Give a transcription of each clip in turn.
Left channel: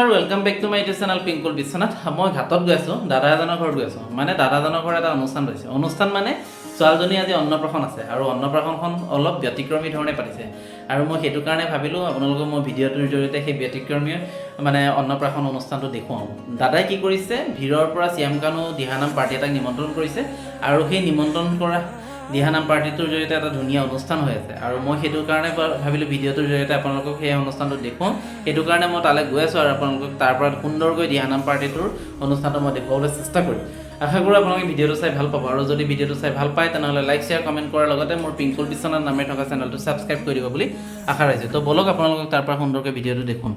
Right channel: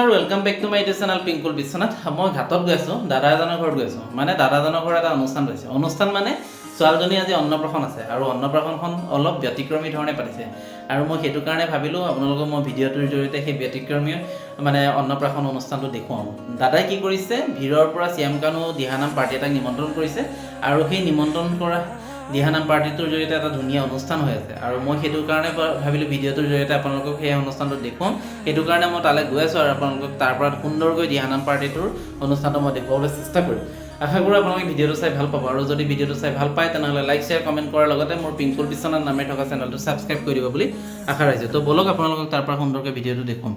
নমস্কাৰ welcome back to my YouTube channel Pinkul বিশ্বনাথ। মই ঘাটত গৈছোঁ, দাদা এজনৰ ঘৰত গৈছোঁ। মানে দাদাজনৰ ঘৰত এটা অনুষ্ঠান হৈছে। অনুষ্ঠান মানে ছোৱালীজনী আজি অন্নপ্ৰাশন আছে আৰু অন্নপ্ৰাশনখন অলপ ব্যতিক্ৰমী ধৰণে পাতিছে। আৰু মই সেইটো কাৰণে ভাবিলোঁ আপোনালোকক মই ভিডিঅ'টোৰ জৰিয়তে সেই ব্যতিক্ৰমী মানে অন্নপ্ৰাশন অনুষ্ঠানটো দেখুৱাওঁ। দাদাই কি কৰিছে, ভিৰৰ পৰা শ্যামকানু দিহানাম পাৰ্টি এটাক নিমন্ত্ৰণ কৰিছে আৰু সেই নিমন্ত্ৰণ কৰা দিহানাম পাৰ্টিটোৰ জৰিয়তে এটা ধুনীয়া অনুষ্ঠান হৈ আছে। আৰু মই সেইটো কাৰণে ভাবিলোঁ ভিডিঅ'টোৰ জৰিয়তে আপোনালোকক সেই অনুষ্ঠানটো দেখুৱাম। সেইটো কাৰণে মই তালৈ গৈ আছোঁ আৰু আপোনালোকক তাৰ পৰা সুন্দৰকৈ দিহানাম পাৰ্টিটোৰ অনুষ্ঠানটো মই দেখুৱাবলৈ চেষ্টা কৰিম। আশা কৰোঁ আপোনালোকে ভিডিঅ'টো চাই ভাল পাব। আৰু যদি ভিডিঅ'টো চাই ভাল পায় তেনেহ'লে লাইক শ্বেয়াৰ কমেণ্ট কৰাৰ লগতে মোৰ পিংকুল বিশ্বনাথ নামে থকা চেনেলটো ছাবস্ক্ৰাইব কৰি দিব বুলি আশা ৰাখিছোঁ। তো বলক আপোনালোকক তাৰ পৰা সুন্দৰকৈ ভিডিঅ'টো দেখুৱাম।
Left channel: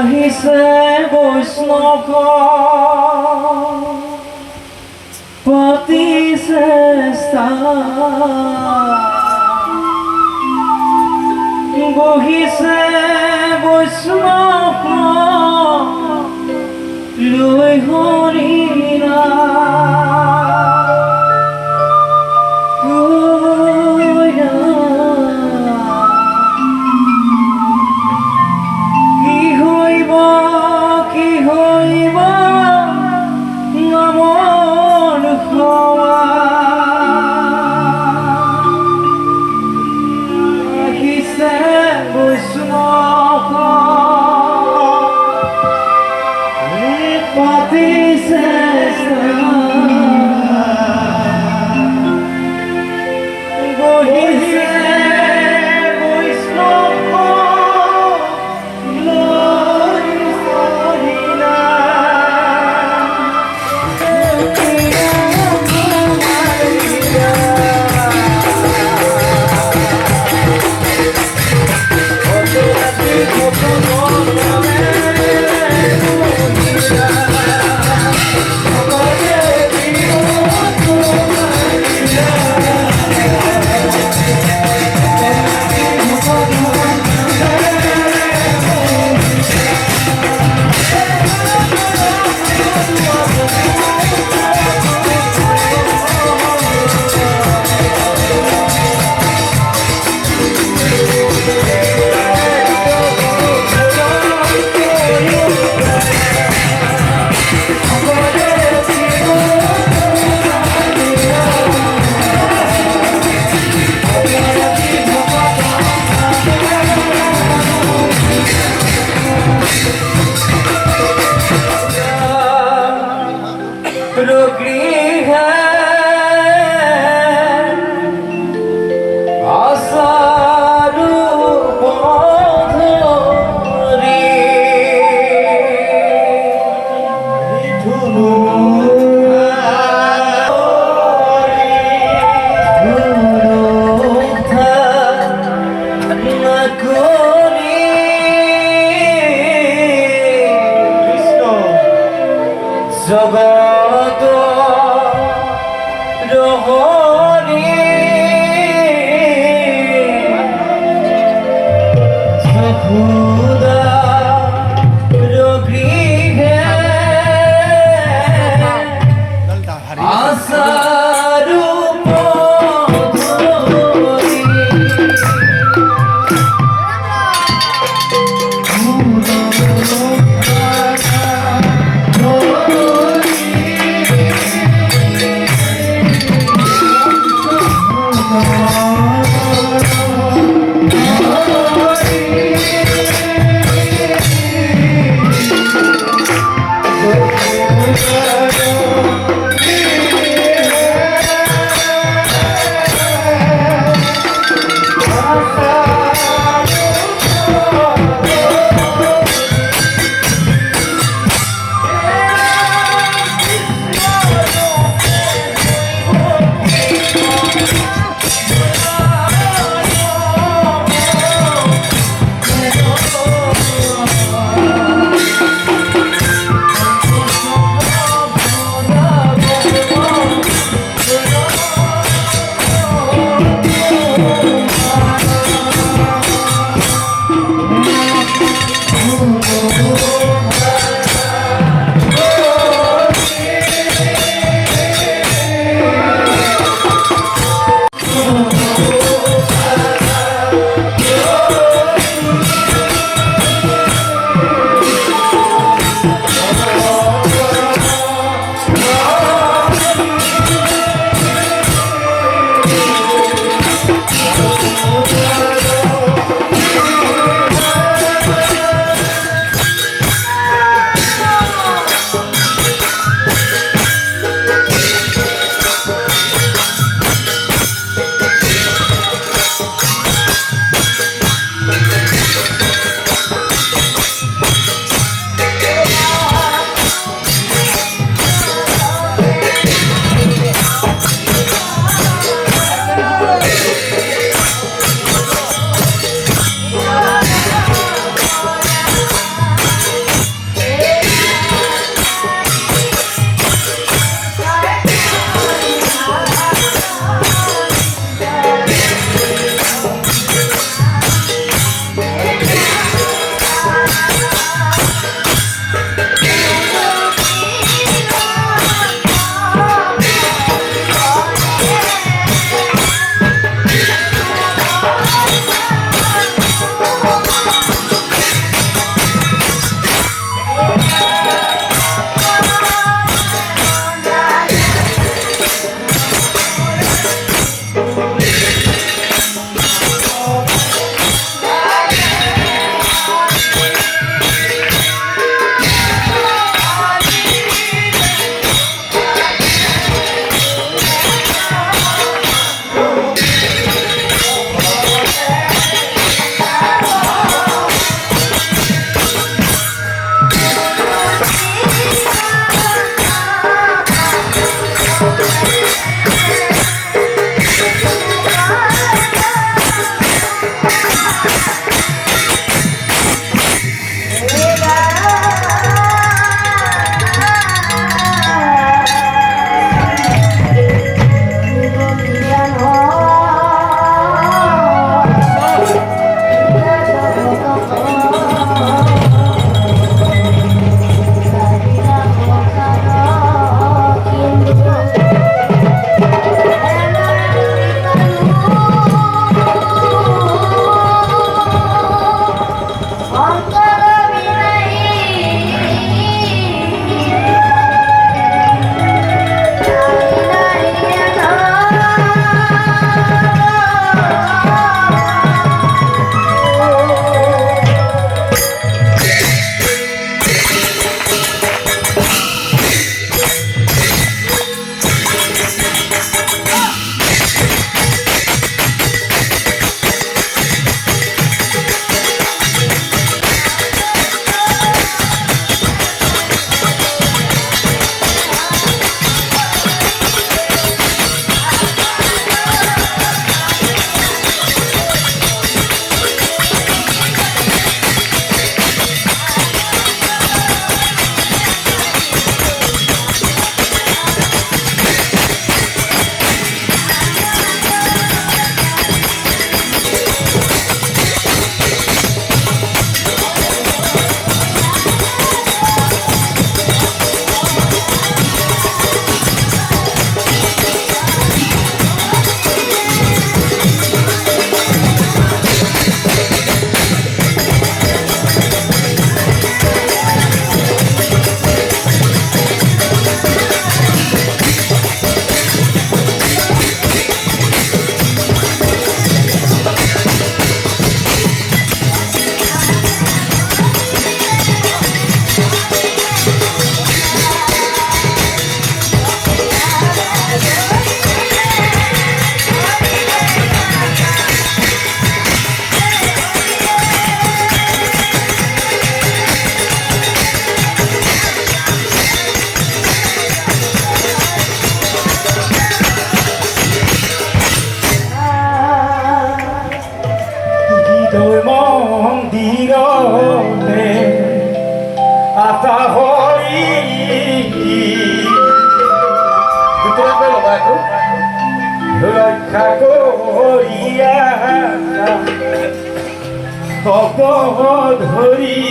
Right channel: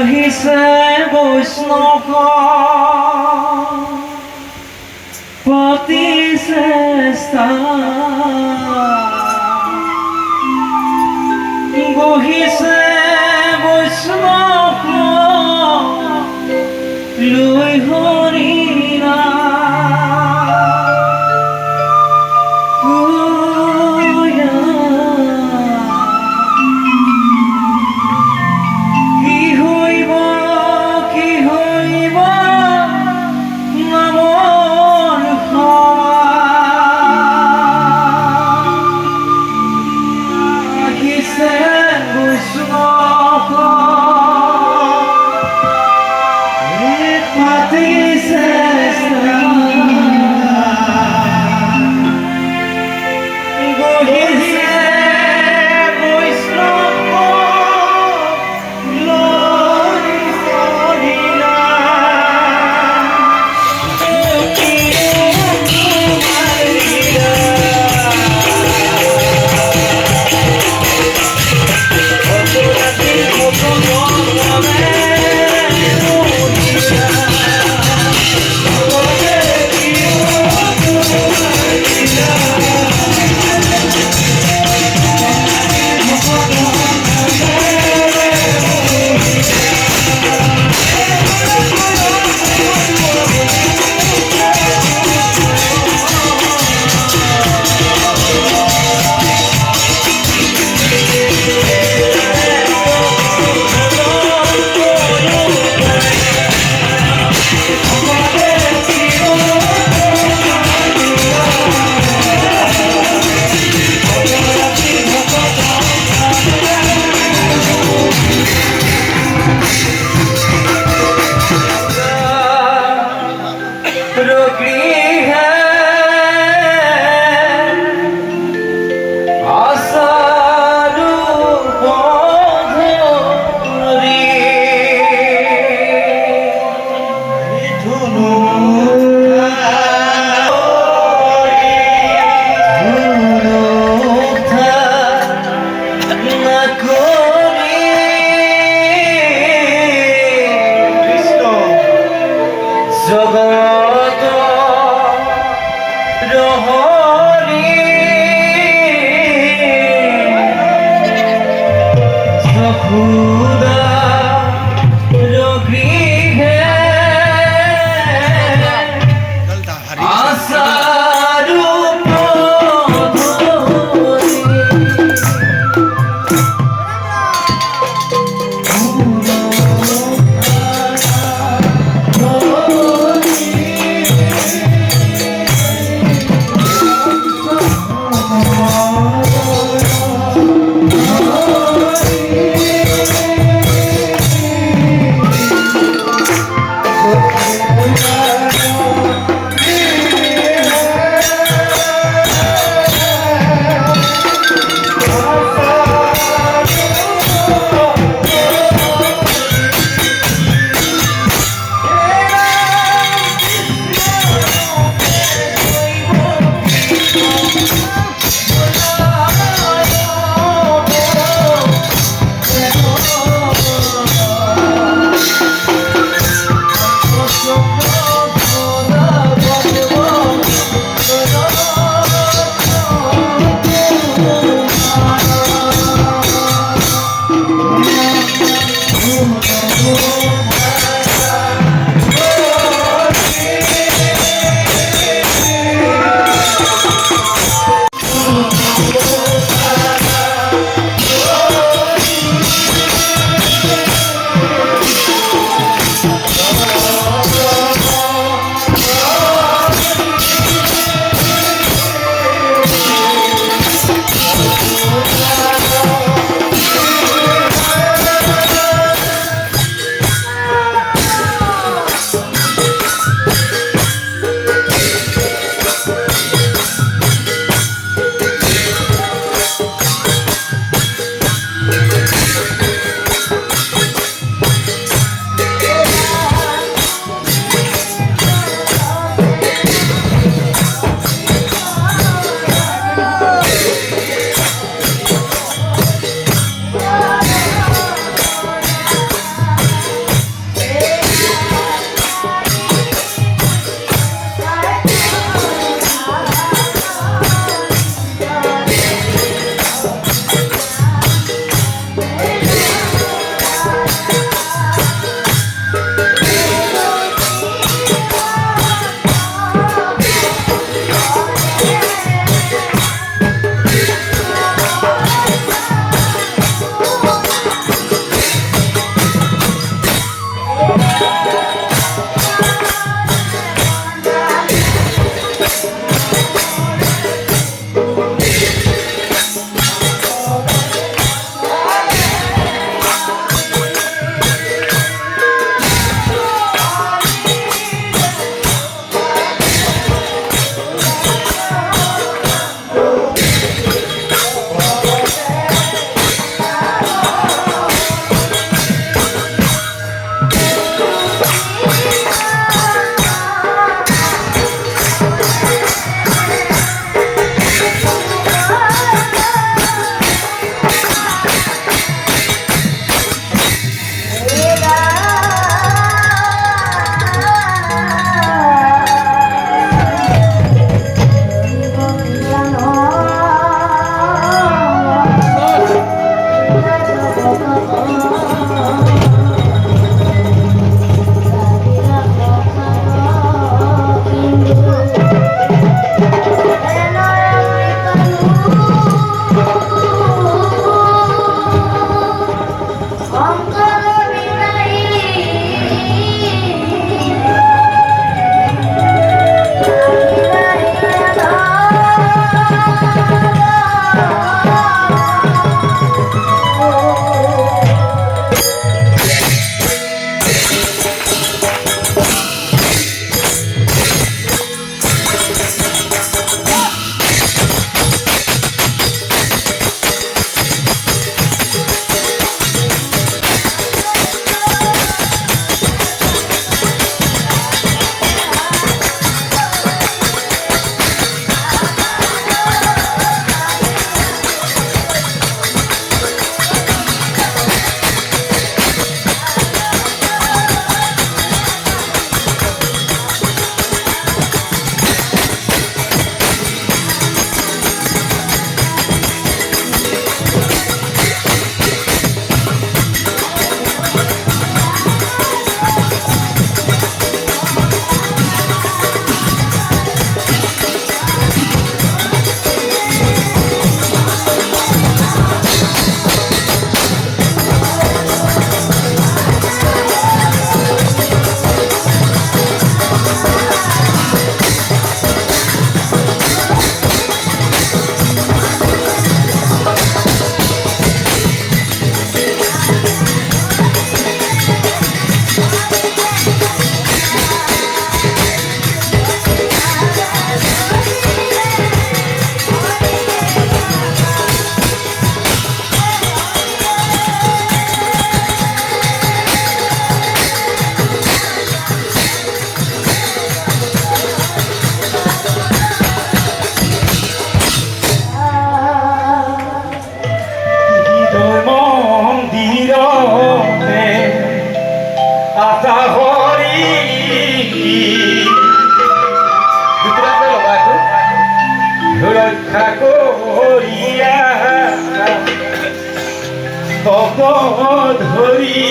আহিছে বৈষ্ণৱ পাতিছে বহিছে বৈষ্ণৱ লৈ হৰিণা জগত রহরি সখুদা রগৃহে আশারূপ রক্ষা করিয়া তত ধরি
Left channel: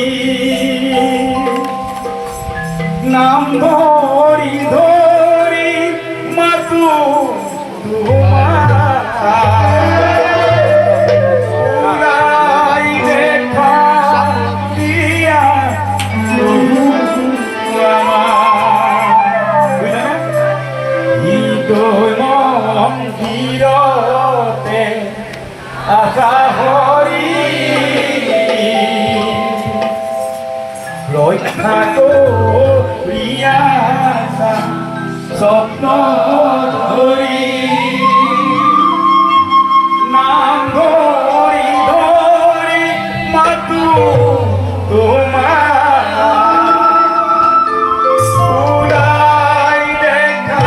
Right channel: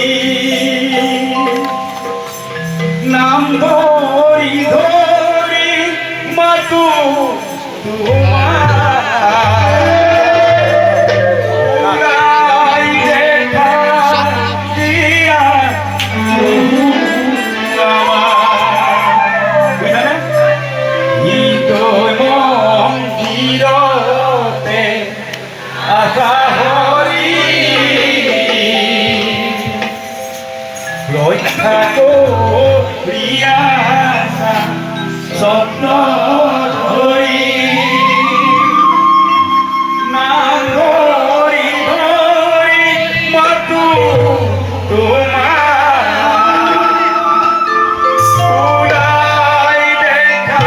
নাম ধরি ধরি মাতু রক্ষা করিয়া স্বপ্ন ধরি নাম ধরি ধরি মাতু তোমার উড়াই দেখা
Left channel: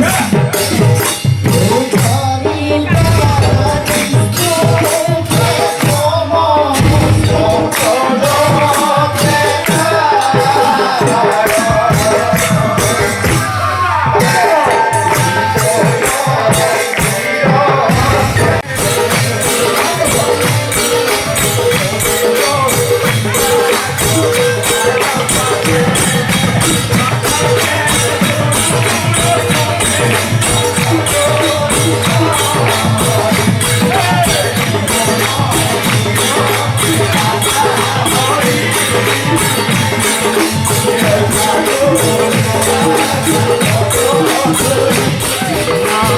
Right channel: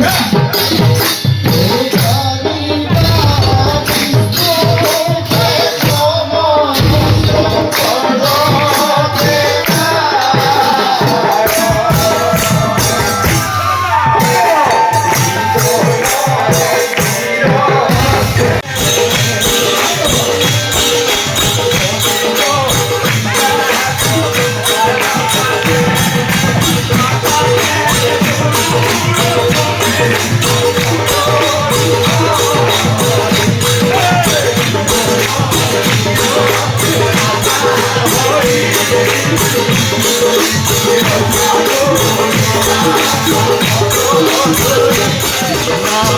Yeah. কৃষ্ণ